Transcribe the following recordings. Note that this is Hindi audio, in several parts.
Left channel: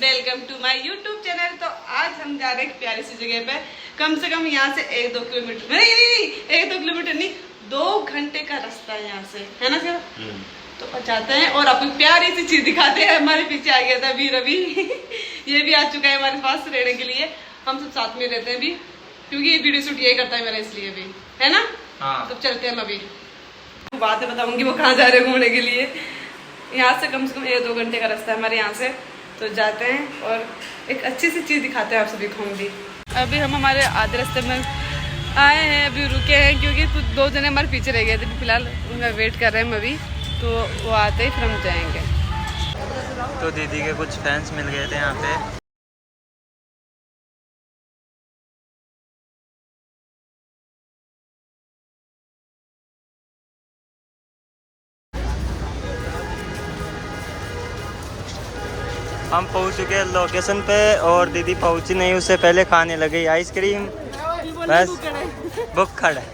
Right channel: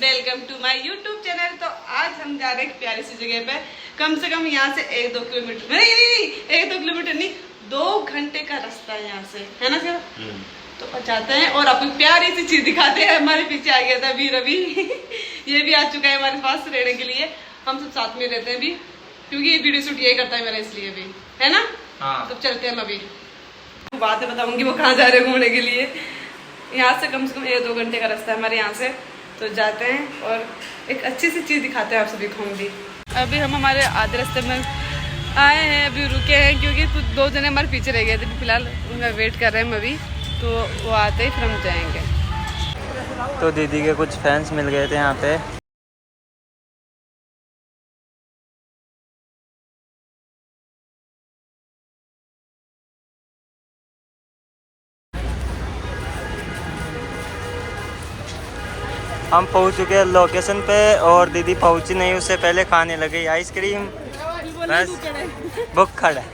Welcome to my YouTube channel. तो आज हम जा रहे हैं एक प्यारी सी जगह पे, कम से कम यहाँ से 1-2 किलोमीटर नहीं 1-2 किलोमीटर नहीं 2 घंटे का रास्ता है यहाँ से, है ना सर? तो जाते हैं और आपको प्यारी सी चीज दिखाते हैं। हमारे पीछे आ गया था अभी रवि ये भी आ चुका है हमारे पास रहने के लिए। हम सब साथ में रहते हैं अभी, क्योंकि ये वीडियो शूट यही करता है मेरा, इसलिए भी है ना। हाँ। तो चलते हैं अभी, बातें बताऊंगी वो कहाँ जा रहे हैं घूमने के लिए। यहाँ से कम 1-2 घंटे का रास्ता है हमारे यहाँ से। तो जाते हैं और एक अच्छी सी चीज़ दिखाते हैं आप सभी को। हम भी अभी हम हमारे आधे रास्ते में आए हैं, अभी रुके हैं क्योंकि कुछ 2 जने हमारे पीछे रह गए थे। फिलहाल उनका वेट कर रहे हैं हम अभी, तो वो आते ही फिर हम जाएंगे। तो दीदी के कुछ फैंस मिल गए थे यहाँ पे। हम पहुँच चुके हैं लोकेशन पे और दीदी पहुँची नहीं, उससे पहले खाने लगी आइसक्रीम। बस बुक खड़ा है।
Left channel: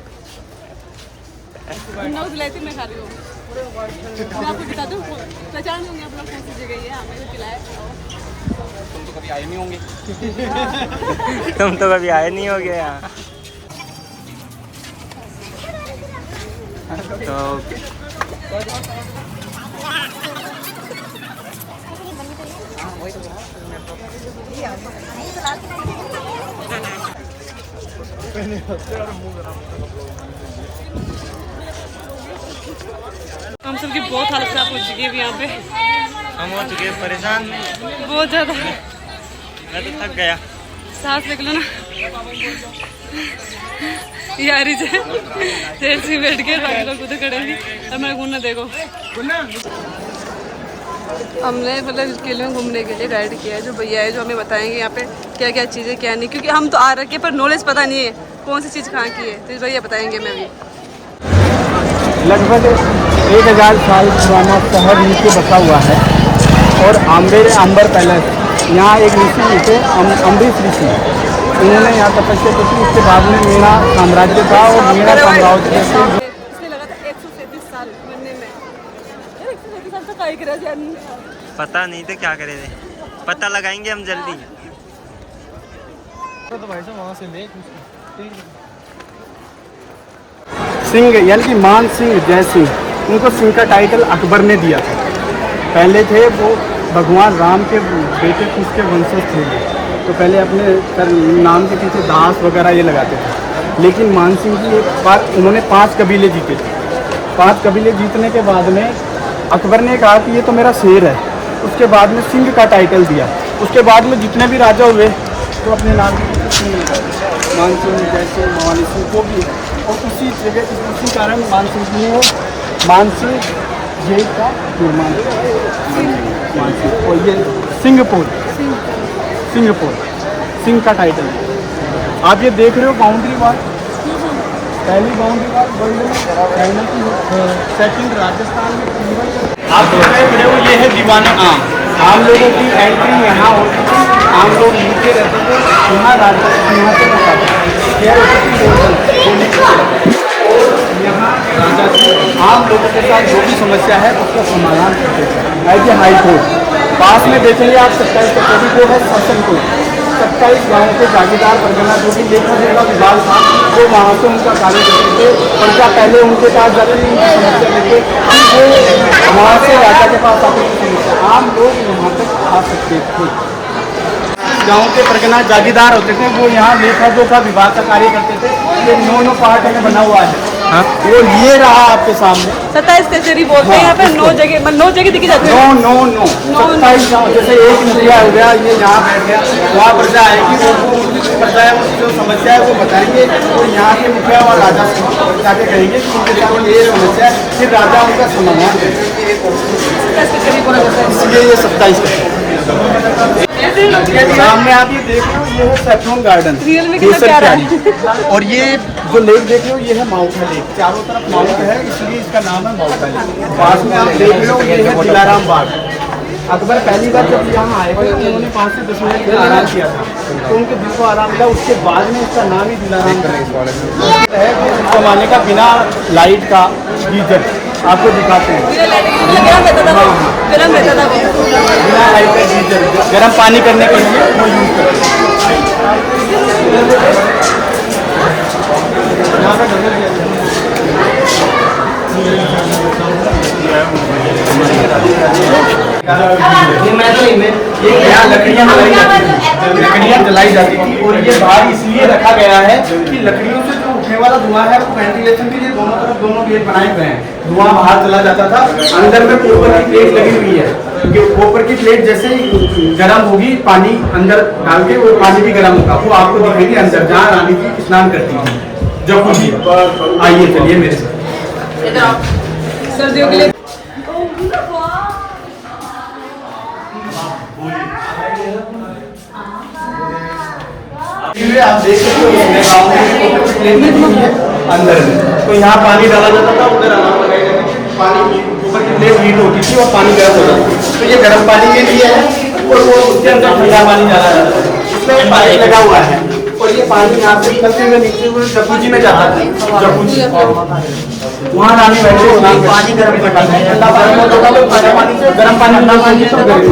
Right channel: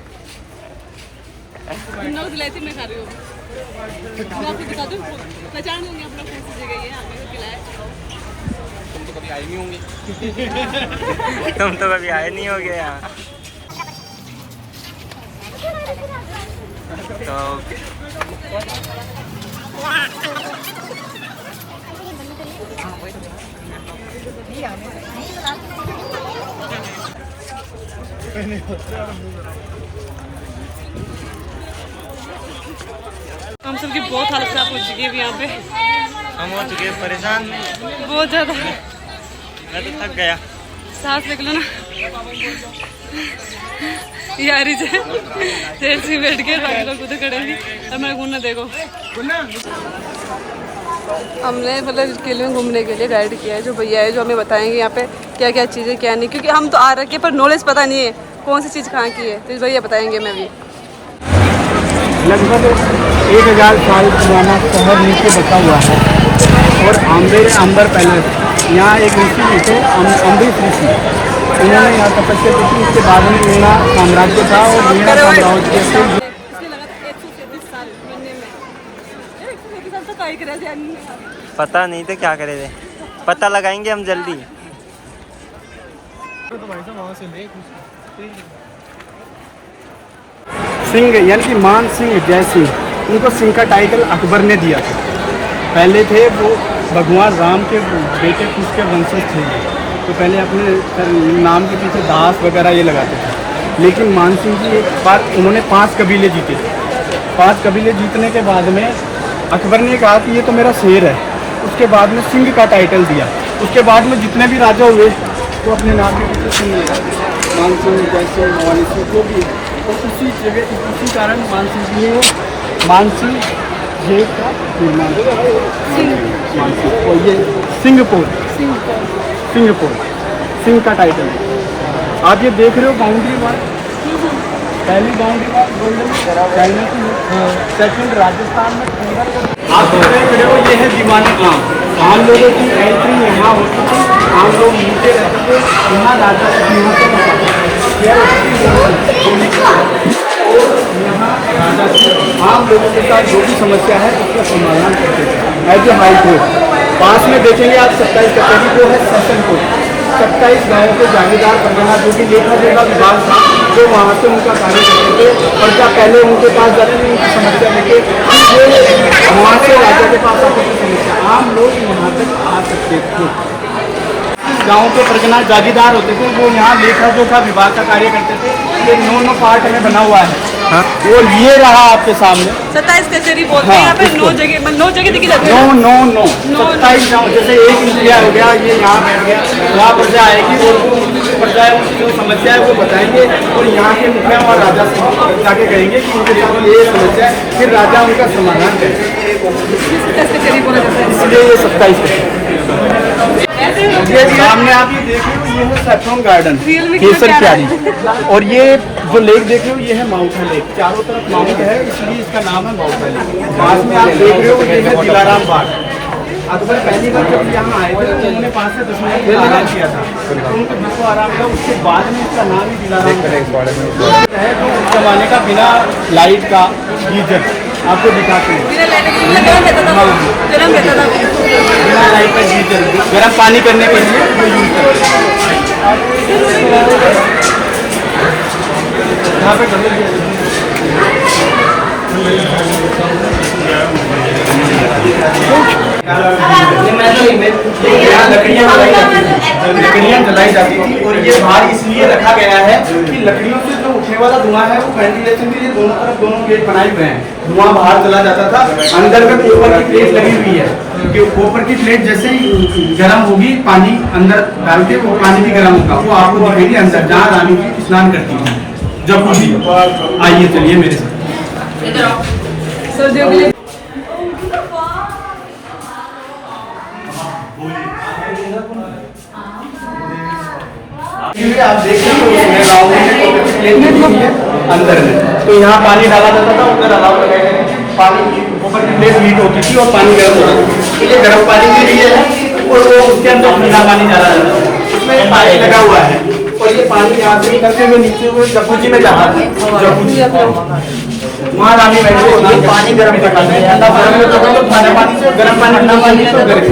मैं खा रही हूँ। मैं आपको दिखा दूँ, पहचान लूँगी आप लोग कौन सी जगह है। हमें तो खिलाए। तुम तो कभी आए नहीं होंगे। तुम तो कभी आए नहीं होगे यहाँ। तो हम सबकी बहुत हालत खराब हो चुकी है यहाँ पे। हम हो चुके हैं परेशान बहुत ज्यादा। मैं तो थक गया। सांस निकलो ना यारी से देर से बैठ के बाकी लोग उधर खड़े हैं और मैं घूमना देखो। हमने मतलब इस किले में घूमने के लिए गाइड किया है जो भैया है, जो हमें बताएंगे यहाँ पे क्या क्या चीज़ें क्या नहीं, क्योंकि हम तो आ रखे पर नॉलेज पता नहीं है कौन सी चीज़ कहाँ की है। तो भैया बताएंगे। मैं भी लगभग 1000 साल पुराना शहर नीचे बसा हुआ है और अंबर पैलेस, यहाँ एक ऋषि थे अम्बरीश ऋषि, उन्होंने यहाँ तपस्या की थी। उसके बाद में मीणा साम्राज्य था और मीणा साम्राज्य के इसलिए लगा था 137 साल बनने में। 137 साल तो कहीं करे पता नहीं थे क्या करे थे, पता लगाएंगे हम जल्दी। सिंह यानी कि मान सिंह जय सिंह, उनको सिंह का टाइटल अकबर ने दिया था। पहले थे वो भगवान राम के बेटे, उसके वंशज थे। तो पहले अपने नाम के पीछे दास वगैरह ये लगाते थे। लेकिन मान सिंह जी एक बार उन्होंने 5 कबीले जीते। 5 कबीले जीतने के बाद में अकबर ने कहा कि ये तो मेरा शेर है। उसके बाद में सिंह का टाइटल दिया। उसके बाद में जितने भी राजा हुए तो अपने नाम के पीछे सिंह लगाते, मान सिंह जय सिंह भवानी सिंह जो भी। और उसी जगह उसी कारण मान सिंह जी ने मान सिंह जेल का निर्माण किया। और ये सिंहपुर सिंह का टाइटल। आप ये देख रहे हो बाउंड्री वॉल, पहली बाउंड्री वॉल वर्ल्ड में चाइना की, सेकंड राजस्थान में। आप देख रहे हो ये है दीवाना आम लोगों की एंट्री यहाँ होती थी। आम लोग नीचे रहते थे, यहाँ राजा यहाँ से यहाँ आम लोगों के साथ जो भी समस्या है उसका समाधान करते हैं। एज ए हाई कोर्ट पास में देखेंगे आप 27 कचहरी जो है सेशन कोर्ट। 27 गाँव के जागीरदार परगना जो भी लेखा जोखा विभाग था, जो वहाँ से उनका कार्य करते थे। प्रजा पहले उनके पास जाती थी उनकी समस्या लेके, फिर वो वहाँ से राजा के पास आते थे समस्या। आम लोग यहाँ तक आ सकते थे। गाँव के परगना जागीरदार होते थे, वो यहाँ लेखा जोखा विभाग का कार्य करते थे। ये 9 पार्ट में बना हुआ है। हाँ? वो ये रहा आपके सामने 27 कचहरी बोलते हैं। यहाँ पे 9 जगह दिखी जाती है। 9 27 गाँव। जैसे एक मुखिया हो गया, ये यहाँ बैठ गया, वहाँ प्रजा आएगी और वो प्रजा है जो समस्या है वो बताएंगे। और यहाँ के मुखिया और राजा से जाके कहेंगे कि उनके साथ ये समस्या है, फिर राजा उनका समाधान करेंगे। इसलिए ये 27 सामने आप ये देख रहे हो, ये है सैफरन गार्डन केसर क्यारी। और ये जो लेक देख रहे हो ये है माउंटा लेक। चारों तरफ माउंट है इसलिए इसका नाम है माउंटा लेक। पास में आप देख रहे हो ये है दिलाराम बाग। अकबर पहली बार जब यहाँ आए थे तो उन्होंने 5 से 10 मिनट में आराम किया था, तो उनके दिल को आराम था। उसके बाद में इसका नाम ही दिलाराम है। उस जमाने का बिना लाइट का गीजर आपको दिखाते हैं। बिना लाइट का गीजर गर्म पानी करने के लिए वो यूज़ करते हैं। यहाँ पे यहाँ लकड़ियाँ जलाई जाती थी और ये बाहर इसलिए रखा गया है कि लकड़ियों से जो उठने वाला धुआं है वो वेंटिलेशन के लिए दोनों तरफ दोनों गेट बनाए हुए हैं। धुआं बाहर चला जाता था। अंदर में कॉपर की प्लेट लगी हुई है, क्योंकि कॉपर की प्लेट जैसे ही गर्म होगी पानी अंदर डाल के वो पानी भी गर्म होगा। वो आपको दिखेगी अंदर जहाँ रानी जी स्नान करती थी जब कुछ भी। आइए चलिए मेरे साथ। सर्दियों के लिए आप देख सकते हो गाँव में प्लेट लगी हुई है अंदर में, तो यहाँ पानी डाला जाता था, उधर अलाव पानी ऊपर की प्लेट लीक होती थी और पानी गर्म होता था। तो ये गर्म पानी के लिए है और वो उसके अंदर ठंडा पानी डाला जाता है। इसमें पाइप लगा हुआ है और ये पानी यहाँ से निकलते हुए नीचे हुए जकूजी में जाता है। जकूजी वहाँ नानी बैठे होती है, पानी गर्म दिखाते हैं। ठंडा पानी में तो ठंडा पानी से गर्म पानी ठंडा पानी से गर्म।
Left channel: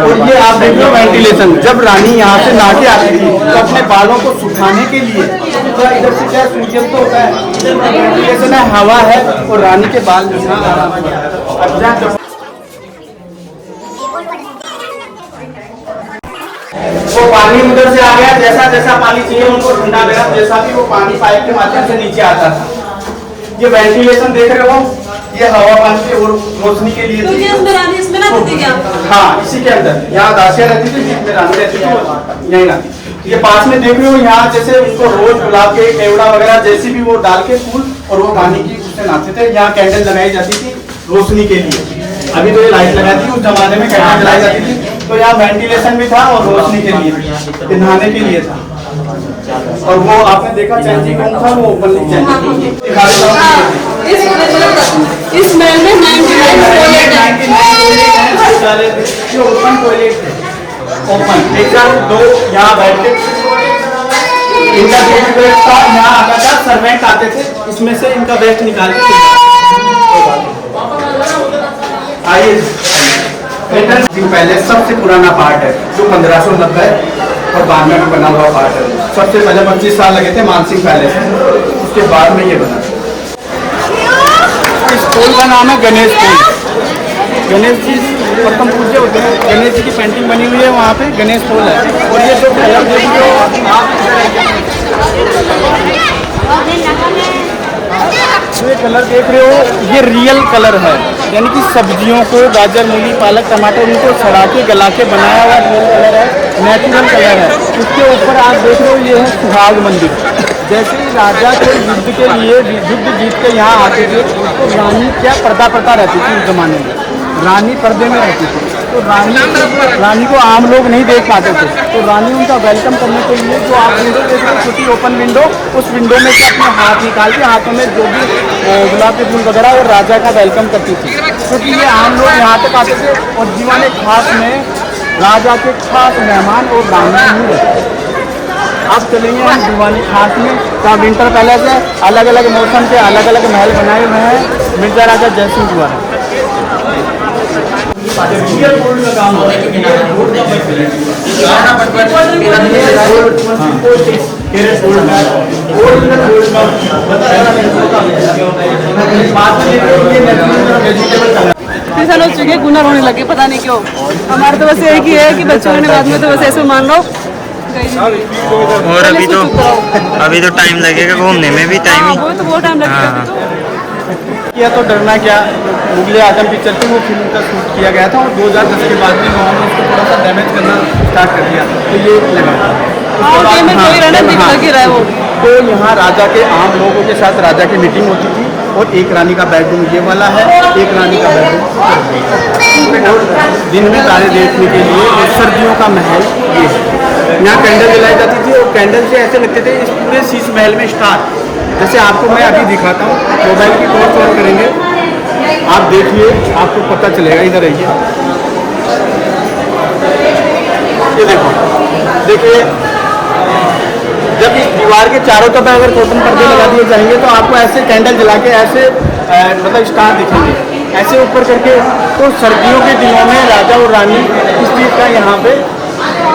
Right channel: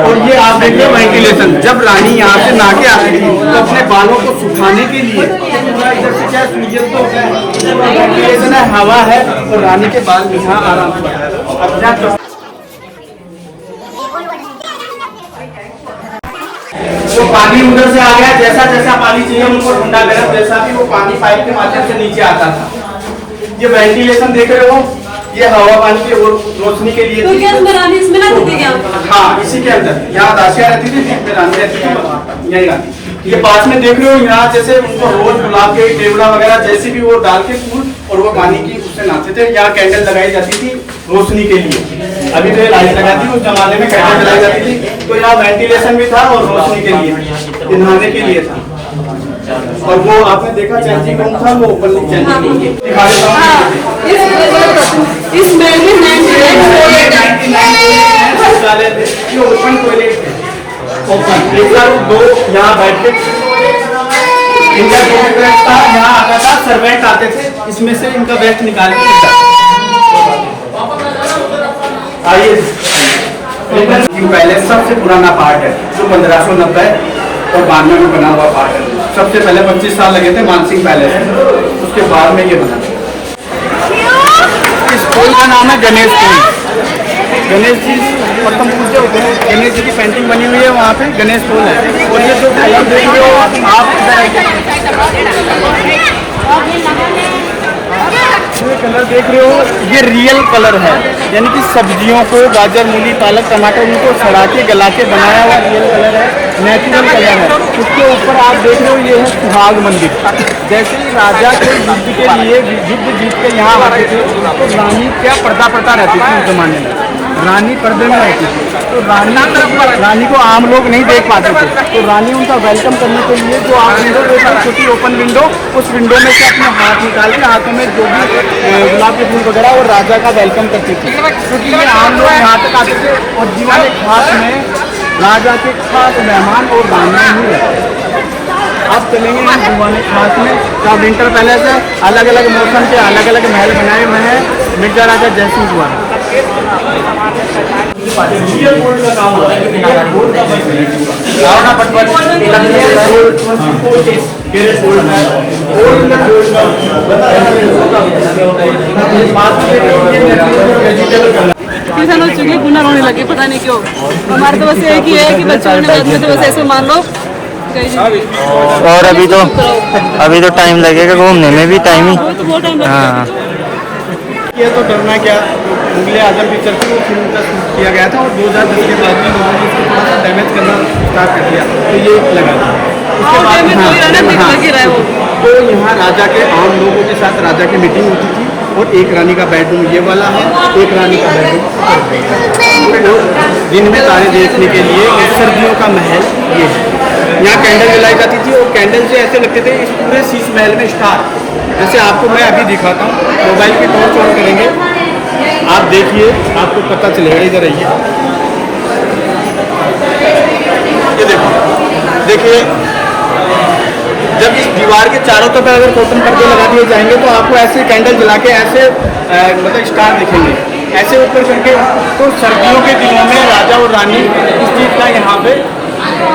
और ये आप देखिए वेंटिलेशन, जब रानी यहाँ से नहा के आती थी तो अपने बालों को सुखाने के लिए इधर से क्या सूर्य तो होता है, वेंटिलेशन है, हवा है और रानी के बाल जो है आराम से। वो पानी उधर से आ गया, जैसा जैसा पानी चाहिए उनको ठंडा गर्म जैसा भी वो पानी पाइप के माध्यम से नीचे आता था। ये वेंटिलेशन देख रहे हो, ये हवा पानी की और रोशनी के लिए थी। इसमें ना रहती क्या? हाँ, इसी के अंदर यहाँ दासियाँ रहती थी, रानी रहती थी, यही रहती। ये पास में देख रहे हो, यहाँ जैसे उनको रोज गुलाब के पेवड़ा वगैरह जैसी भी वो डाल के फूल और वो पानी की उससे नहाते थे। यहाँ कैंडल लगाई जाती थी रोशनी के लिए। अभी तो ये लाइट लगाई थी, उस जमाने में कैंडल जलाई जाती थी। तो यहाँ वेंटिलेशन भी था और रोशनी के लिए, नहाने के लिए था। और वो आपने देखा चेंजिंग रूम था, वो ओपन दिखा देता हूँ। इस महल में 99 टॉयलेट है। ये ओपन टॉयलेट थे, ओपन एकदम दो यहाँ बैठते। इनका वेस्ट था, यहाँ आता था, सर्वेंट आते थे, इसमें से इनका वेस्ट निकाल के आइए। पैलेस सबसे पुराना पार्ट है जो 1590 और 92 में बना हुआ पार्ट है। सबसे पहले 25 साल लगे थे मानसिंह पैलेस में, उसके बाद में ये बना। इस स्कूल का नाम है गणेश स्कूल। गणेश जी प्रथम पूज्य होते हैं, गणेश जी की पेंटिंग बनी हुई है वहाँ पे, गणेश स्कूल है। और ये जो कलर देखिए आप ये कलर देख रहे हो, ये रियल कलर है, यानी कि सब्जियों को गाजर मूली पालक टमाटर उनको सड़ा के गला के बनाया हुआ रियल कलर है, नेचुरल कलर है। इसके ऊपर आप देख रहे हो ये है सुहाग मंदिर। जैसे राजा के युद्ध के लिए युद्ध जीत के यहाँ आते थे तो रानी क्या पर्दा रहती थी उस जमाने में, रानी पर्दे में रहती थी। तो रानी को आम लोग नहीं देख पाते थे, तो रानी उनका वेलकम करने के लिए जो आप विंडो देख रहे हो, छोटी ओपन विंडो, उस विंडो में से अपने हाथ निकाल के हाथों में जो भी गुलाब के फूल वगैरह और राजा का वेलकम करती थी। क्योंकि ये आम लोग यहाँ तक आते थे और दीवाने खास में राजा के खास मेहमान और रानियाँ ही रहते। अब चलेंगे हम दीवाने खास में, जहाँ विंटर पैलेस है, अलग अलग मौसम के अलग अलग महल बनाए हुए हैं मिर्जा राजा जयसिंह द्वारा। रियल गोल्ड का काम होता है, साल हो चुके गुना रोने लगे, पता नहीं क्यों। हमारे तो वैसे एक ही है कि बच्चों ने बाद में तो वैसे ऐसे मान लो। और अभी तो टाइम लगेगा घूमने में भी, टाइम ही। हाँ, किया तो डरना क्या, मुगले आजम पिक्चर की वो फिल्म का शूट किया गया था और 2010 के बाद में लोगों ने इसको थोड़ा सा डैमेज करना स्टार्ट कर दिया, तो ये लगा था। उसके बाद तो यहाँ राजा के आम लोगों के साथ राजा की मीटिंग होती थी और एक रानी का बेडरूम ये वाला है, एक रानी का बेडरूम और दिन में तारे देखने के लिए, और सर्दियों का महल ये है। यहाँ कैंडल जलाई जाती थी और कैंडल से ऐसे लगते थे इस पूरे शीश महल में स्टार। जैसे आपको मैं अभी दिखाता हूँ, मोबाइल की टॉर्च ऑन करेंगे, आप देखिए आपको पता चलेगा। इधर आइए, ये देखिए जब इस दीवार के चारों तरफ अगर कॉटन पर्दे लगा दिए जाएंगे तो आपको ऐसे कैंडल जला के ऐसे मतलब स्टार दिखेंगे, ऐसे ऊपर करके। तो सर्दियों के दिनों में राजा और रानी इस चीज़ का यहाँ पे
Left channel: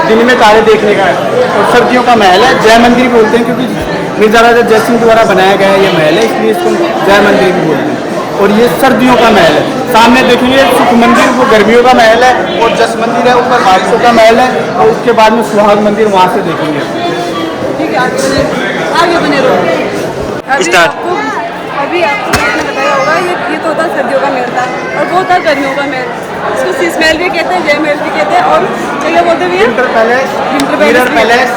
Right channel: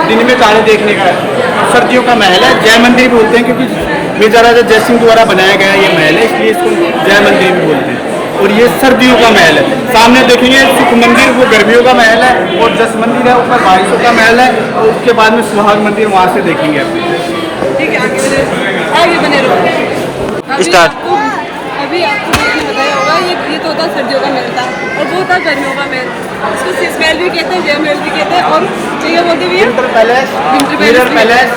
दिन में तारे देखने का और सर्दियों का महल है। जय मंदिर भी बोलते हैं क्योंकि मिर्जा राजा जय सिंह द्वारा बनाया गया ये महल है, इसलिए इसको जय मंदिर भी बोलते हैं। और ये सर्दियों का महल है। सामने देखेंगे सुख मंदिर, वो गर्मियों का महल है, और जस मंदिर है ऊपर बारिशों का महल है, और उसके बाद में सुहाग मंदिर वहाँ से देखेंगे। ठीक है, आगे बने रहो। Start. अभी आपको मैंने बताया होगा ये तो होता सर्दियों का महल था और वो था गर्मियों का महल। इसको शीश महल भी कहते हैं, जय महल भी कहते हैं, और क्या बोलते हैं winter palace,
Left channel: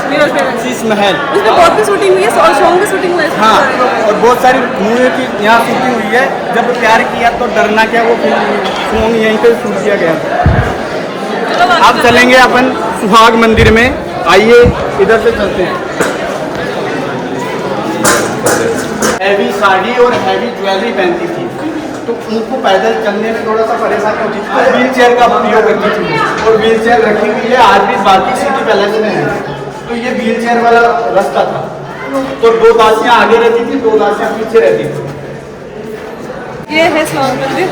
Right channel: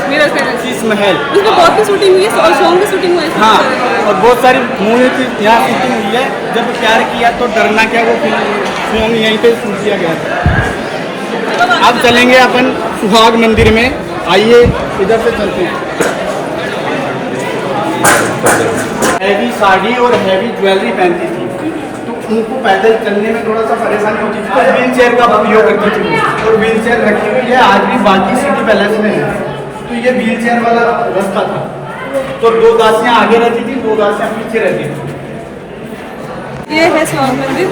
mirror palace, Sheesh Mahal. उसमें बहुत की शूटिंग हुई है और सॉन्ग की शूटिंग हुई है। हाँ, और बहुत सारी मूवी की यहाँ शूटिंग हुई है। जब प्यार किया तो डरना क्या, वो सॉन्ग यहीं पे शूट किया गया था। अब चलेंगे अपन सुहाग मंदिर में, आइए इधर से चलते हैं। हैवी साड़ी और हैवी ज्वेलरी पहनती थी, तो उनको पैदल चलने में थोड़ा सा परेशानी होती थी, तो व्हील चेयर का उपयोग करती थी। और व्हील चेयर रखी हुई है आज भी बाकी सिटी पैलेस में है। तो ये व्हील चेयर वाला रास्ता था। तो 2 दासियां आगे रहती थी, 2 दासियां पीछे रहती थी। ये है सुहाग मंदिर।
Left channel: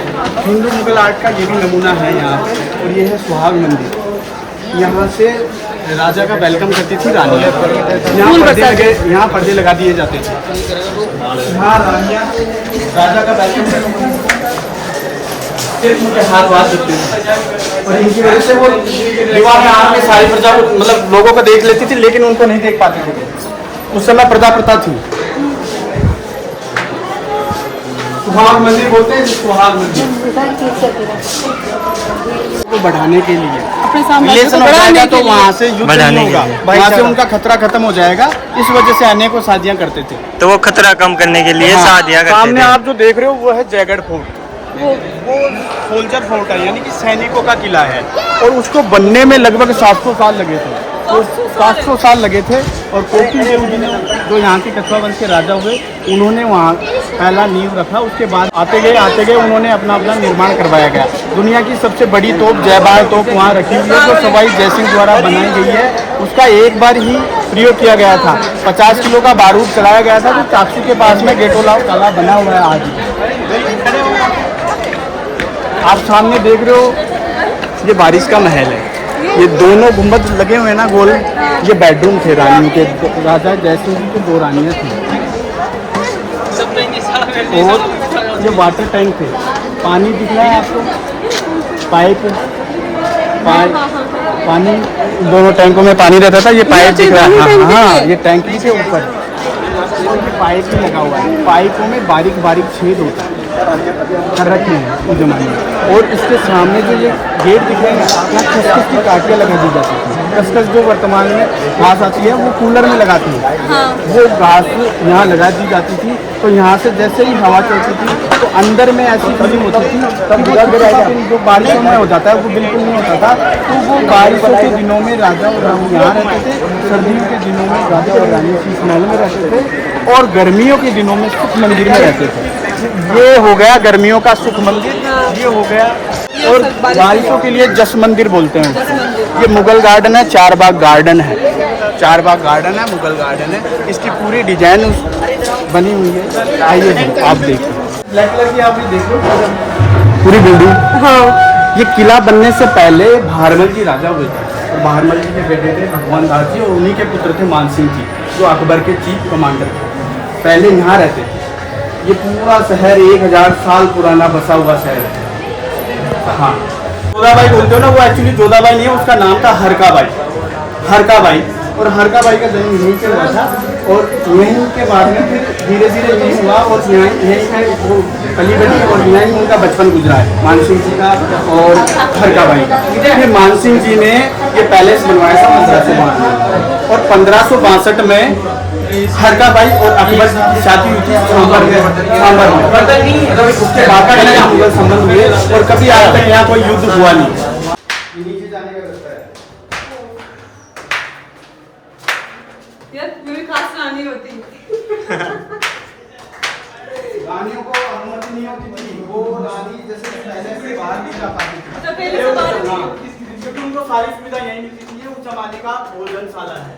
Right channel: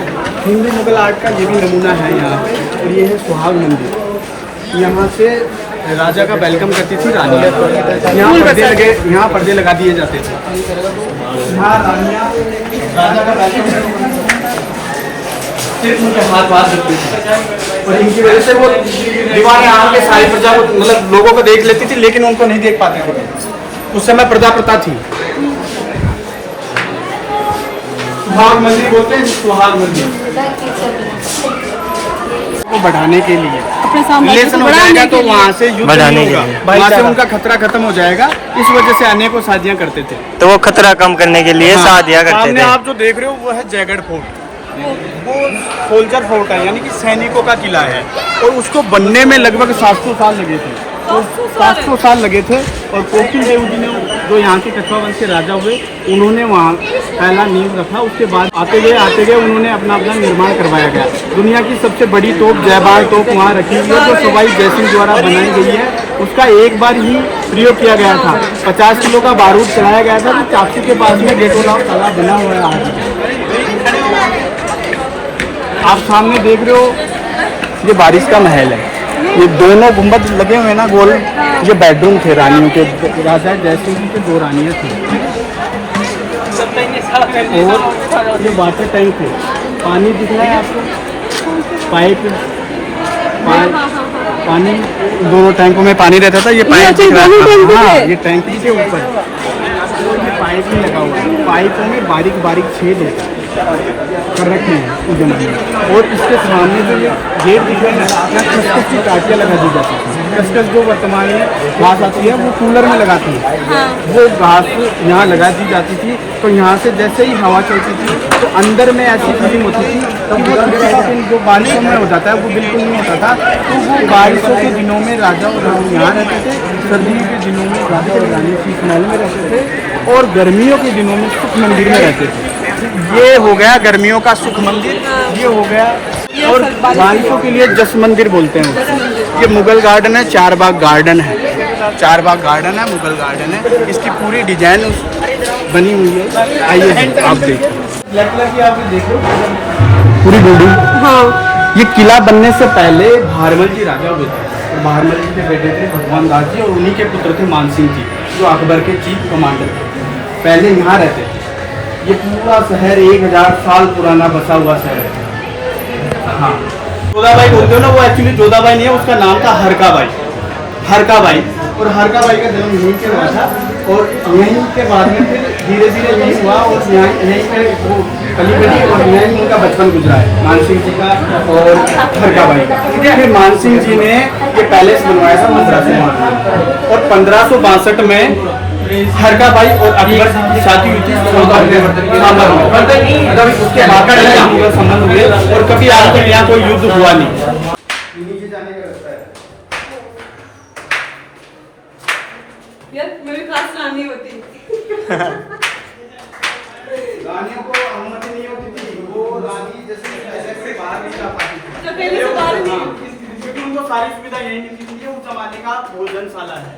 हिंदू मुगल आर्ट का ये भी नमूना है यहाँ पे। और ये है सुहाग मंदिर। यहाँ से राजा का वेलकम करती थी रानियाँ। यहाँ पर्दे लगा दिए जाते थे। यहाँ रानियाँ राजा का वेलकम करती थी, सिर्फ उनके हाथ जोड़ती थी। और इनकी वजह से वो दीवारें आके सारी प्रजा को, मतलब लोगों को देख लेती थी, लेकिन उनको नहीं देख पाती थी। उस समय प्रजा प्रथा थी। सुहाग मंदिर बोलते हैं, सुहाग मंदिर को बढ़ाने के लिए, अपने साम्राज्य को बढ़ाने के लिए, वहाँ से बढ़ाने के लिए, वहाँ से उनका खतरा खत्म हो जाएगा। इस वजह से अनेकों शादियाँ करते थे। तो वो खतरा कम करने के लिए शादियाँ करते सामने थे। आप जो देख रहे हो वो है जयगढ़ फोर्ट। वो सोल्जर फोर्ट है, यानी कि सैनिकों का किला है। और उसको बनने में लगभग 700 साल लगे थे। 700 साल लगे थे। और कोकिल देव जी ने, जो यहाँ के कछवा वंश के राजा हुए, उन्होंने वहाँ पहला नींव रखा। उसके बाद आते गए उन्होंने अपना निर्माण करवाया गया। दुनिया की सबसे बड़ी तोप जयबार तोप वहाँ रखी हुई है, जो सवाई जयसिंह द्वारा बनाई गई है। उसका एक बार ही प्रयोग किया गया था। 50 किलो का बारूद चलाया गया था, जो चाकू के पास में गेटोलाव कला बना हुआ है आज। आप सामने देख रहे हो, ये बारिश का महल है। ये दोनों गुंबद लगे हुए हैं ना गोल, ये बेडरूम थे रानियों के। राजा जयसिंह जी के 2 रानियाँ थी। और ये वाटर टैंक थे। पानी दिख रहा है आपको, पाइप पानी, दोनों टैंकों में पानी रहता था। ये पाइप दिख रहा है, हाँ, ये टैंकी के ऊपर पाइप भी लगा हुआ है। पाइपों में बारीक बारीक छेद होता है, कर रखे हैं उस जमाने में। और इसके सामने जो ये गेट दिख रहे हैं ना, यहाँ खसखस की टाटियाँ लगा दी जाती थी। खसखस जो वर्तमान में घास आती है वो कूलर में लगाते हैं, वो घास यहाँ लगा दी जाती थी। तो यहाँ से जैसे ही हवा चलती थी तो अंदर में ऐसी फीलिंग होती थी कि वो चिपचिपापन जो बारिशों में हो जाता है वो बिल्कुल नहीं होता था। तो वो बारिशों के दिनों में राजा और रानी यहाँ रहते थे, सर्दियों के दिनों में राजा और रानी शीश महल में रहते थे, और गर्मियों के दिनों में सुख मंदिर में रहते थे। ये हो गया गर्मियों का सुख मंदिर, ये हो गया। और बारिशों के लिए जस मंदिर बोलते हैं। ये मुगल गार्डन है, 4 बाग गार्डन है। 4 बाग गार्डन है, मुगल गार्डन है। इसकी पूरी डिजाइन बनी हुई है। आइए जी आप देखिए, ब्लैक कलर की आप ये देखो पूरी बिल्डिंग। हाँ, ये किला बनने से पहले भारमल जी राजा हुए थे। और भारमल जी के बेटे थे भगवान दास जी, और उन्हीं के पुत्र थे मानसिंह जी, जो अकबर के चीफ कमांडर थे। पहले यहाँ रहते थे। ये पूरा शहर 1000 साल पुराना बसा हुआ शहर है। हाँ, जोधाबाई बोलते हो ना, वो एक्चुअली जोधाबाई नहीं है, उसका नाम था हरकाबाई। हरकाबाई, और हरकाबाई का जन्म यहीं पे हुआ था। और यहीं के बाद में फिर धीरे धीरे यही हुआ, और यहीं पे वो कली बनी, और यहीं उनका बचपन गुजरा है, मानसिंह जी का और हरकाबाई का। फिर मानसिंह जी ने ये पैलेस बनवाया था 1562 में, और 1562 में हरकाबाई और अकबर जी की शादी हुई थी सांबर में। मतलब उसके बाद मुगल संबंध हुए, और कभी आज तक यहाँ कोई युद्ध हुआ नहीं। रानी होती रानियों को अनुमति नहीं होती थी, वो रानी जैसे पहले से बाहर नहीं जा पाती थी, क्योंकि उनको सारी सुविधा यहीं मिलती थी। उस जमाने का भोजनशाला है,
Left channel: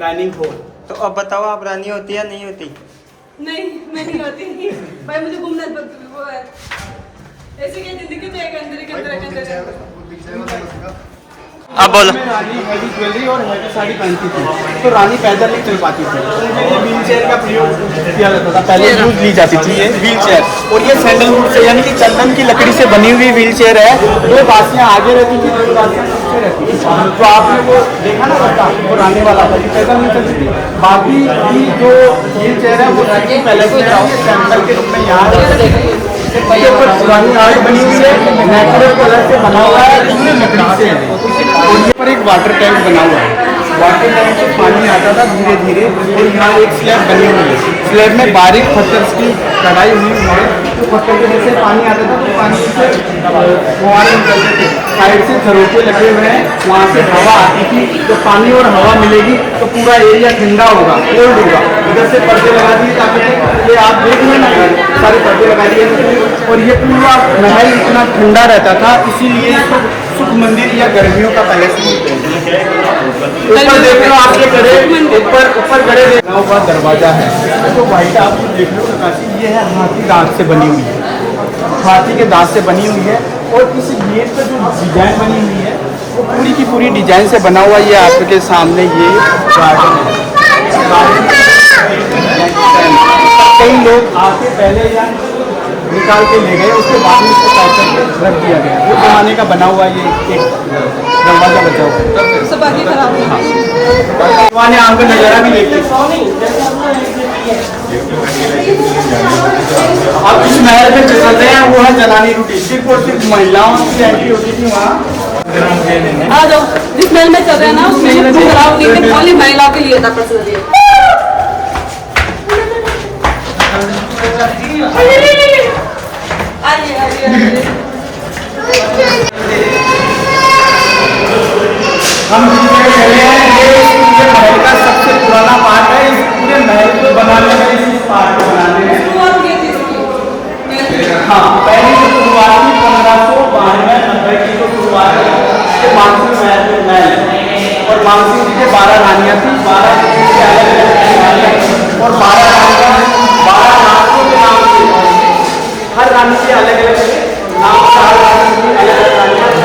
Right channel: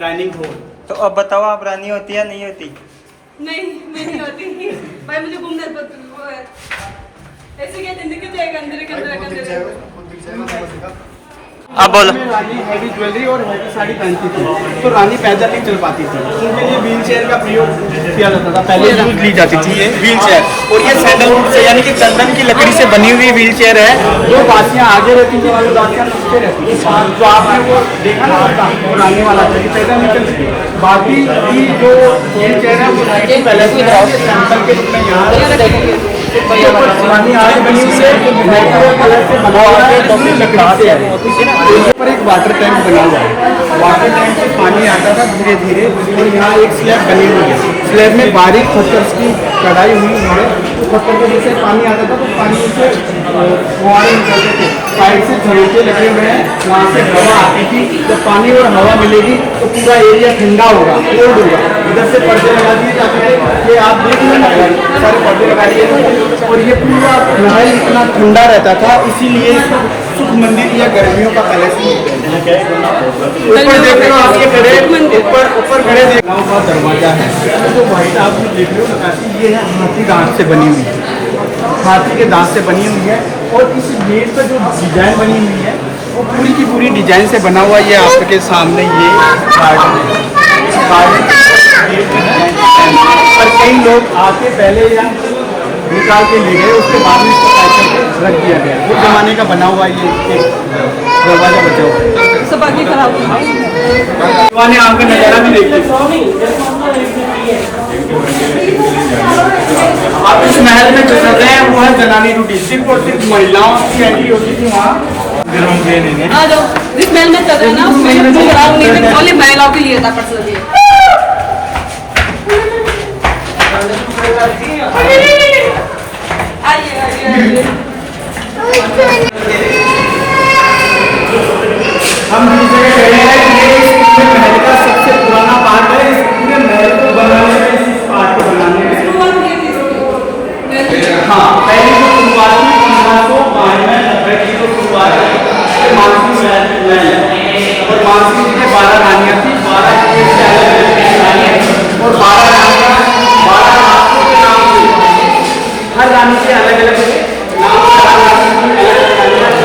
डाइनिंग हॉल। तो अब बताओ, आप रानी होती या नहीं होती? नहीं, मैं नहीं होती। भाई मुझे घूमना ऐसे कहते हैं कि जाएगा अंदर के अंदर अब बोलो। रानी हैवी ज्वेलरी और हैवी साड़ी पहनती थी, तो रानी पैदल नहीं चल पाती थी, तो उनके लिए व्हील चेयर का प्रयोग किया जाता था। पहले यूज ली जाती थी ये व्हील चेयर, और ये सैंडलवुड से यानी कि चंदन की लकड़ी से बनी हुई व्हील चेयर है। दो दासियां आगे रहती थी, दो दासियां पीछे रहती थी। तो आपने वो देखा ना, वो आने वाला था, पैदल नहीं चलती थी। बाकी की जो व्हील चेयर है वो पहले से सैंपल के रूप में यहाँ पुरानी आग बनी हुई है, नेचुरल कलर से बना हुआ है, इसमें लकड़ी से है। और यहाँ पर एक वाटर टैंक बना हुआ है, वाटर टैंक से पानी आता था धीरे धीरे, और यहाँ एक स्लैब बनी हुई है। स्लैब में बारीक पत्थर की कढ़ाई हुई है, तो पत्थर के नीचे पानी आता था, तो पानी से फुहारे निकलते थे। साइड से झरोखे लगे हुए हैं, वहाँ से हवा आती थी। जब पानी और हवा मिलेगी तो पूरा एरिया ठंडा होगा, कोल्ड होगा। इधर से पर्दे लगा दिए जाते थे, ये आप देख लेना, सारे पर्दे लगा दिए, और ये पूरा महल इतना ठंडा रहता था, इसीलिए सुख मंदिर या गर्मियों का पैलेस बोलते हैं। ऊपर देख लो आपके बड़े ऊपर बड़े देखना का दरवाजा है, तो व्हाइट आप देख लो नक्काशी, ये है हाथी दांत से बनी हुई है, हाथी के दांत से बनी हुई है। और इस गेट पर जो डिजाइन बनी हुई है वो पूरी की पूरी डिजाइन से बना हुआ। ये आपके सामने ये गार्डन है, गार्डन कई लोग आके पहले यहाँ निकाल के ले गए, उसके बाद में इसको पैक करके रख दिया गया। वो जमाने का बना हुआ ये एक दरवाजा बचा हुआ है। सब आगे खराब हो ने आपका नजारा भी देखते। अब इस महल में जो चल रहे हैं वो है जनानी ड्यूटी, सिर्फ और सिर्फ महिलाओं की एंट्री होती थी वहाँ। हाँ, जो जिस महल में चल रहे हैं ना उसमें जो खराब नहीं थे, खाली महिलाओं के लिए था पर्सनली। हम चले हैं, ये महल का सबसे पुराना पार्ट है। इस पूरे महल को बनाने में, इस पार्ट को बनाने में हाँ पहले जो शुरुआत थी 1592 की जो शुरुआत है मानसिंह महल, और मानसिंह जी के 12 रानियाँ थी, 12 और 12 रानियाँ 12 रानियों के नाम से, हर रानी के अलग अलग नाम,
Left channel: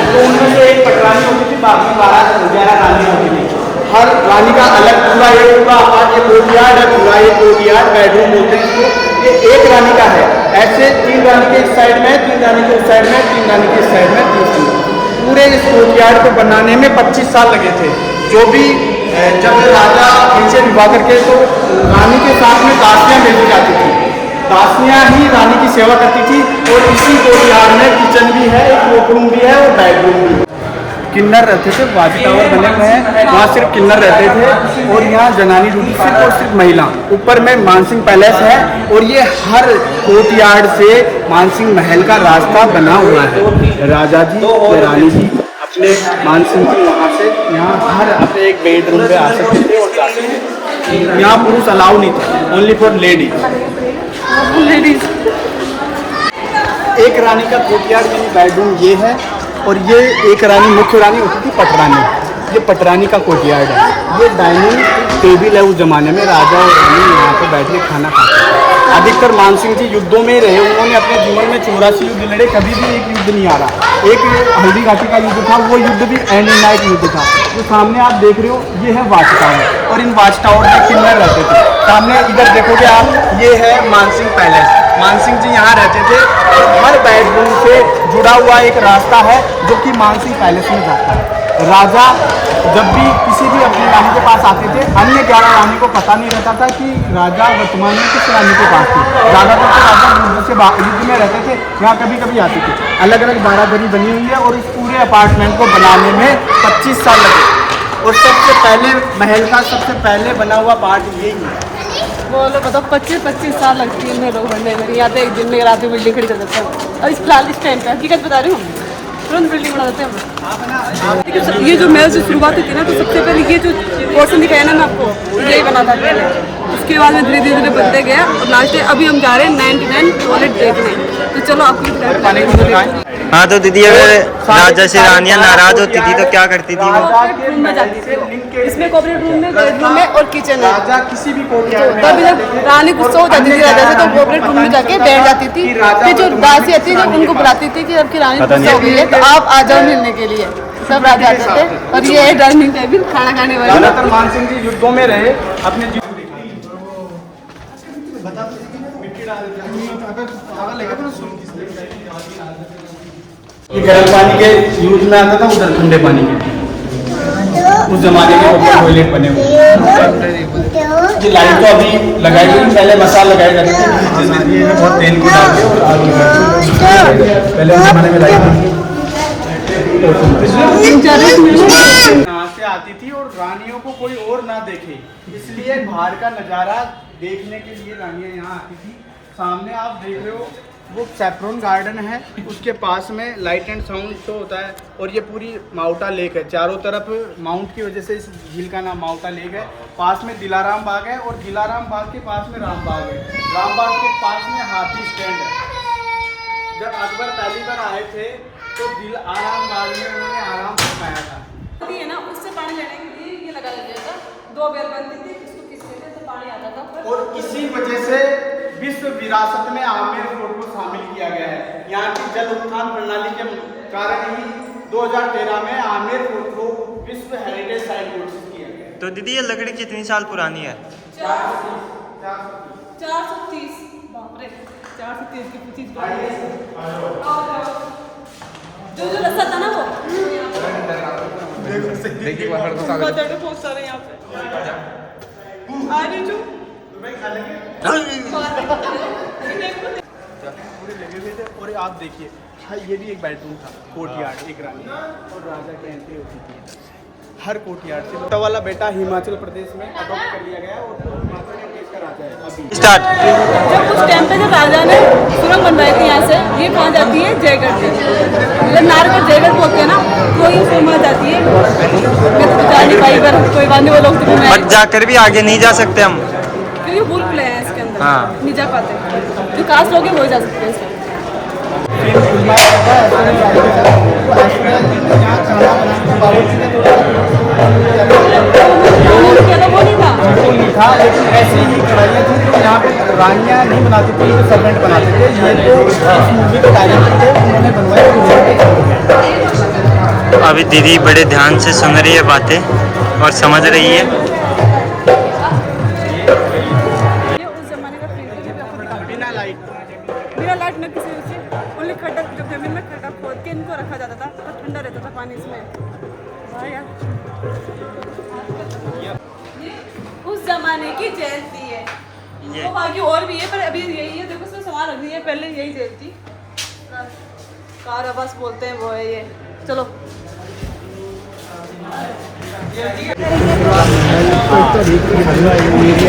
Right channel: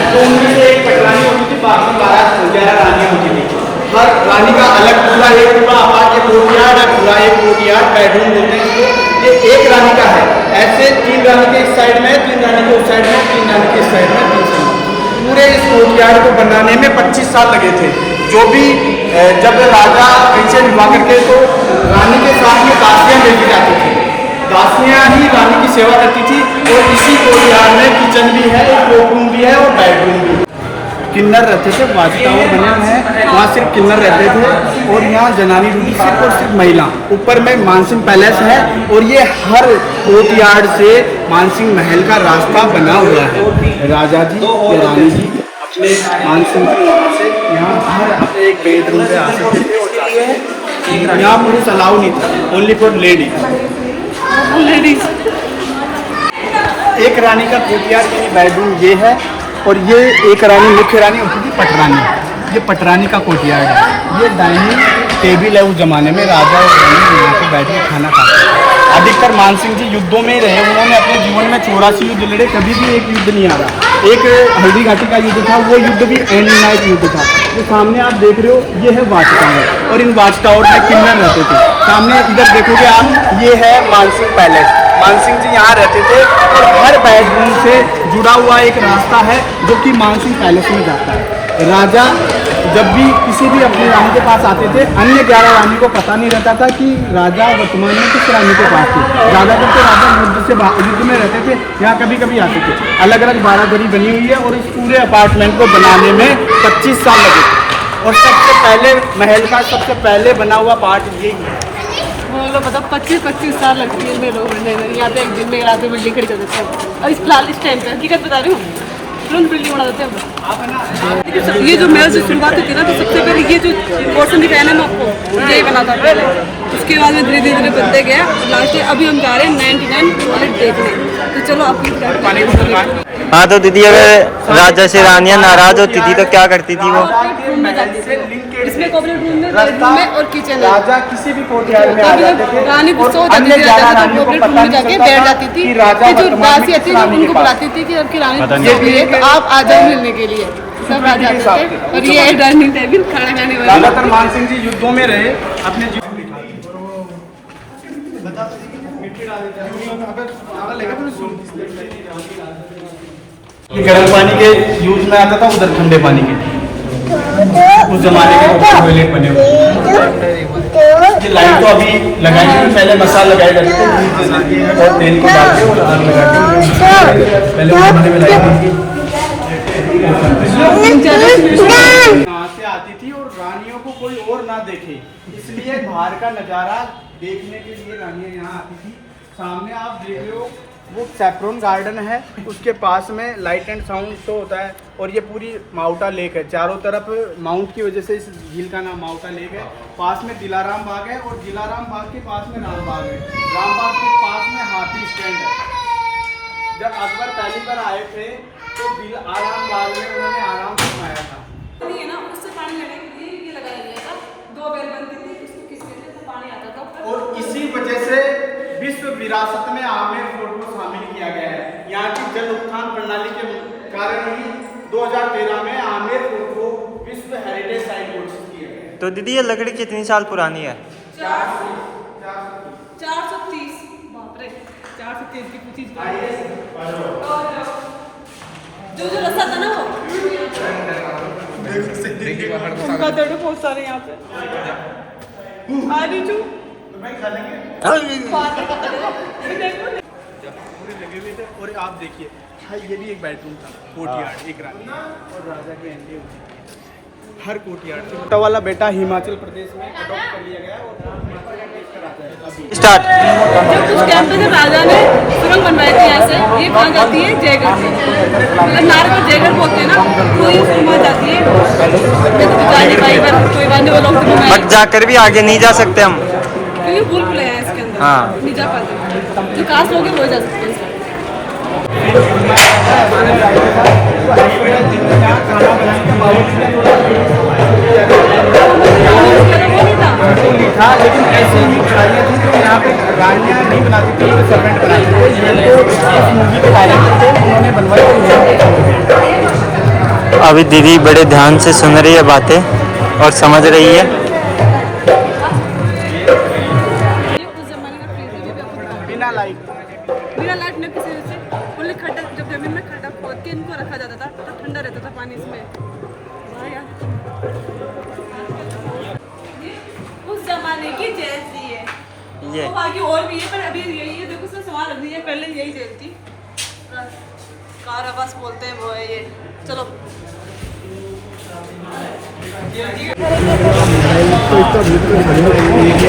तो उनमें से एक पटरानी होती थी, बाकी 12 रानियाँ होती थी। हर रानी का अलग पूरा कोर्टयार्ड है, पूरा एक कोर्टयार्ड बेडरूम बोलते हैं इसको। ये एक रानी का है, ऐसे 3 रानी के इस साइड में, 3 रानी के उस साइड में, 3 रानी के इस साइड में, 3 पूरे इस कोर्टयार्ड को बनाने में 25 साल लगे थे। जो भी जब राजा पेंशन हुआ करके तो रानी के साथ में दासियाँ मिलती जाती थी, दासियाँ ही रानी की सेवा करती थी। और इसी कोर्टयार्ड में किचन भी है, एक वॉशरूम भी है और बेडरूम भी है। किन्नर रहते थे, वाच टावर बने हुए हैं, वहाँ सिर्फ किन्नर रहते थे। और यहाँ जनानी ड्यूटी सिर्फ और सिर्फ महिला। ऊपर में मानसिंह पैलेस है, और ये हर कोर्टयार्ड से मानसिंह महल का रास्ता बना हुआ है। राजा जी या रानी जी अपने मानसिंह की वहाँ से यहाँ हर अपने एक बेडरूम पे आ सकते थे और जा सकते थे। यहाँ पुरुष अलाउ नहीं था, ओनली फॉर लेडीज। एक रानी का कोर्टयार्ड यानी बेडरूम ये है, और ये एक रानी मुख्य रानी होती थी पटरानी, ये पटरानी का कोर्टयार्ड है। ये डाइनिंग टेबल है, उस जमाने में राजा और रानी यहाँ पे बैठ के खाना खाते थे। अधिकतर मानसिंह जी युद्धों में रहे, उन्होंने अपने जीवन में 84 युद्ध लड़े, कभी भी एक युद्ध नहीं आ रहा। एक हल्दी घाटी का युद्ध था, वो युद्ध भी एंड नाइट युद्ध था। जो सामने आप देख रहे हो ये है वाच टावर, और इन वाच टावर में किन्नर रहते थे। सामने इधर देखोगे आप, ये है मानसिंह पैलेस, मानसिंह जी यहाँ रहते थे। और हर बेडरूम से जुड़ा हुआ एक रास्ता है जो कि मानसिंह पैलेस में जाता है। राजा जब भी किसी भी अपनी रानी के पास आते थे, अन्य 11 रानी को पता नहीं रहता था कि राजा वर्तमान में किस रानी के पास थे। ज़्यादातर तो राजा युद्ध में रहते थे, यहाँ कभी कभी आते थे। अलग अलग बारादरी बनी हुई है, और इस पूरे अपार्टमेंट को बनाने में 25 साल लगे। और सबसे पहले महल का सबसे पहले बना हुआ पार्ट यही है। बोलो बताओ, 25 साल लगती है लोग बनने में। यहाँ पे एक दिन में रात में बिल्डिंग खड़ी कर देते हैं, और इस फिलहाल इस टाइम पे हकीकत बता रही हूँ, तुरंत बिल्डिंग बना देते हैं। ये जो महल से शुरुआत होती है ना, तो सबसे पहले ये जो पोर्शन दिखाया ना मैं आपको, यही बना था पहले। उसके बाद में धीरे धीरे बनते गया, और लास्ट अभी हम जा रहे हैं 99 टॉयलेट देखने। तो चलो आपको हाँ तो दीदी अगर राजा से रानियाँ नाराज होती थी तो क्या करती थी वो? कॉर्पोरेट रूम में जाती थी। इसमें कॉर्पोरेट रूम में बेडरूम में और किचन है। राजा किसी भी कोठियार में तभी जब रानी गुस्सा हो जाती थी राजा से तो कॉर्पोरेट रूम में जाके बैठ जाती थी। फिर जो दासी आती थी उनको बुलाती थी कि आपकी रानी गुस्सा हो गई है तो आप आ जाओ मिलने के लिए। सब राजा आते थे और ये है डाइनिंग टेबल खाना खाने वाला। ज्यादातर मानसिंह जी युद्धों में रहे अपने जीवन गर्म पानी के यूज में आता था, उधर ठंडे पानी के उस जमाने के टॉयलेट बने हुए। ये लाइट तो अभी लगाई थी, पहले मसाला लगाए जाते थे और तेल को डाल के आग लगाते थे। पहले उस जमाने में लाइट थी यहाँ से आती थी और रानियों को कोई और ना देखे, इसलिए बाहर का नज़ारा देखने के लिए रानियाँ यहाँ आती थी। सामने आप देख रहे हो वो सैफ्रॉन गार्डन है, उसके पास में लाइट एंड साउंड शो होता है और ये पूरी माउटा लेक है। चारों तरफ माउंट की वजह से इस झील का नाम माउटा लेक है। पास में दिलाराम बाग है और दिलाराम बाग के पास में राम बाग है। राम बाग के पास में हाथी स्टैंड है। जब अकबर पहली बार आए थे तो दिलाराम बाग में उन्होंने आराम से खाया था। ये ना उससे पानी लेने के लिए ये लगाया गया था। 2 बेल बनती थी, किसको किससे से तो पानी आता था। और इसी वजह से विश्व विरासत में आमेर फोर्ट को शामिल किया गया है। यहाँ की जल उत्थान प्रणाली के कारण ही 2013 में आमेर फोर्ट को विश्व हेरिटेज साइट घोषित किया गया है। तो दीदी ये लकड़ी कितनी साल पुरानी है? 430। बाप रे 430 की पूछी जो रस्सा था ना वो बहुत सारे यहाँ पे आ रही जो और आप देखिए ये भी एक बेडरूम था, कोर्टयार्ड, एक रानी और राजा की एंट्री होती थी हर कोर्टयार्ड से। छोटा वाला बेटा हिमाचल प्रदेश में अडॉप्ट कर लिया गया और हिमाचल प्रदेश का राजा है अभी। स्टार्ट। जब कुछ टाइम पे जब राजा ने सुरंग बनवाई थी यहाँ से, ये कहाँ जाती है? जयगढ़ से। मतलब नारगढ़ जयगढ़ बोलते हैं ना, तो ये सुरंग जाती है। मैं तो जा नहीं पाई पर कोई बात नहीं, वो लोग तो बट जाकर भी आगे नहीं जा सकते हम, क्योंकि भूल भुलैया है इसके अंदर। हाँ। नहीं जा पाते, जो कास्ट लोग हैं वो ही जा सकते हैं इसमें। वो नहीं था, लेकिन ऐसी ही कढ़ाइयाँ थी जो यहाँ पे रानियाँ नहीं बनाती थी, ये सर्वेंट बनाते थे। ये तो इस मूवी के डायरेक्टर थे, उन्होंने बनवाई और यहाँ पे छोड़ गए। अभी दीदी बड़े ध्यान से सुन रही है बातें और समझ रही है। ये उस जमाने का फ्रीजर भी आपको बता दूं। बिना लाइट में किसी से ओनली खड्डा, जब जमीन में खड्डा खोद के इनको रखा जाता था तो ठंडा रहता था पानी इसमें। वाह यार, ये उस जमाने की जैसी है। ये तो बाकी और भी है पर अभी यही है। देखो इसमें सामान रख दिए, पहले यही जेल थी। कार आवास बोलते हैं वो है ये। चलो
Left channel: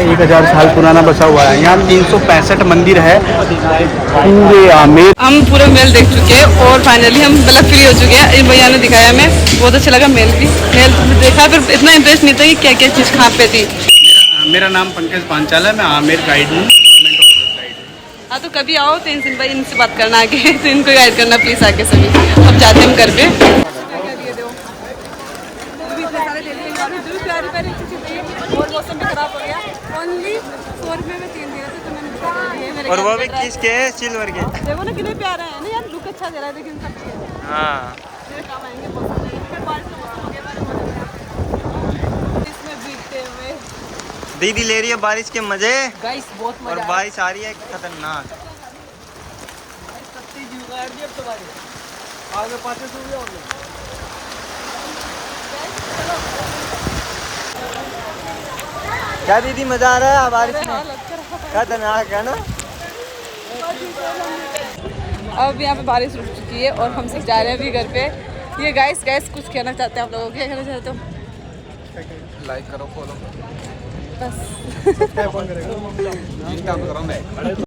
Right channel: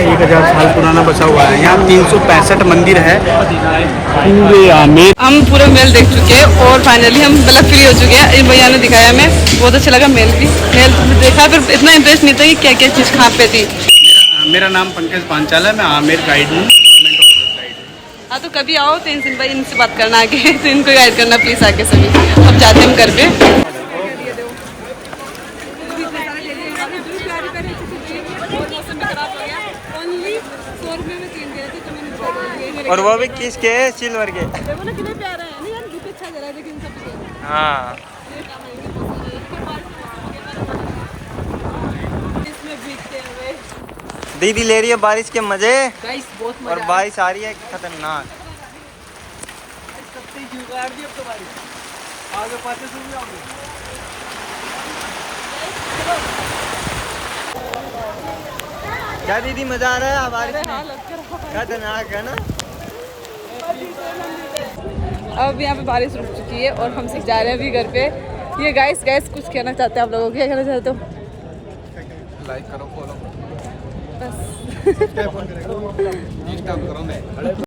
एक 1000 साल पुराना बसा हुआ है। यहाँ 365 मंदिर है पूरे आमेर। हम पूरा मेल देख चुके हैं और फाइनली हम मतलब फ्री हो चुके हैं। इस भैया ने दिखाया, हमें बहुत अच्छा लगा। मेल भी मेल देखा पर इतना इंटरेस्ट नहीं था कि क्या क्या चीज़ कहाँ पे थी। मेरा नाम पंकज पांचाल है, मैं आमेर गाइड हूँ। हाँ तो कभी आओ तो इनसे बात करना आके, तो इनको गाइड करना प्लीज़ आके सभी। अब जाते हैं हम घर पे। और मौसम भी खराब हो गया। ओनली 100 रुपये में 3 दे रहे थे तो मैंने दे दिए। और वो भी किसके? सिल्वर के। देखो ना कितने प्यारे हैं ना यार, लुक अच्छा दे रहा है लेकिन सब हाँ मेरे काम आएंगे बहुत सारे। फिर बारिश का मौसम हो गया, हमारे इसमें भीगते हुए दीदी ले रही है बारिश के मजे गाइस, बहुत मजा और बारिश आ रही है खतरनाक। क्या दीदी मजा आ रहा है बारिश में? खतरनाक है ना। अब यहाँ पे बारिश रुक चुकी है और हम सब जा रहे हैं अभी घर पे। ये गाइस कुछ कहना चाहते हैं आप लोगों को? क्या कहना चाहते हो? लाइक करो, फॉलो करो, बस इंस्टा पे करो। मैं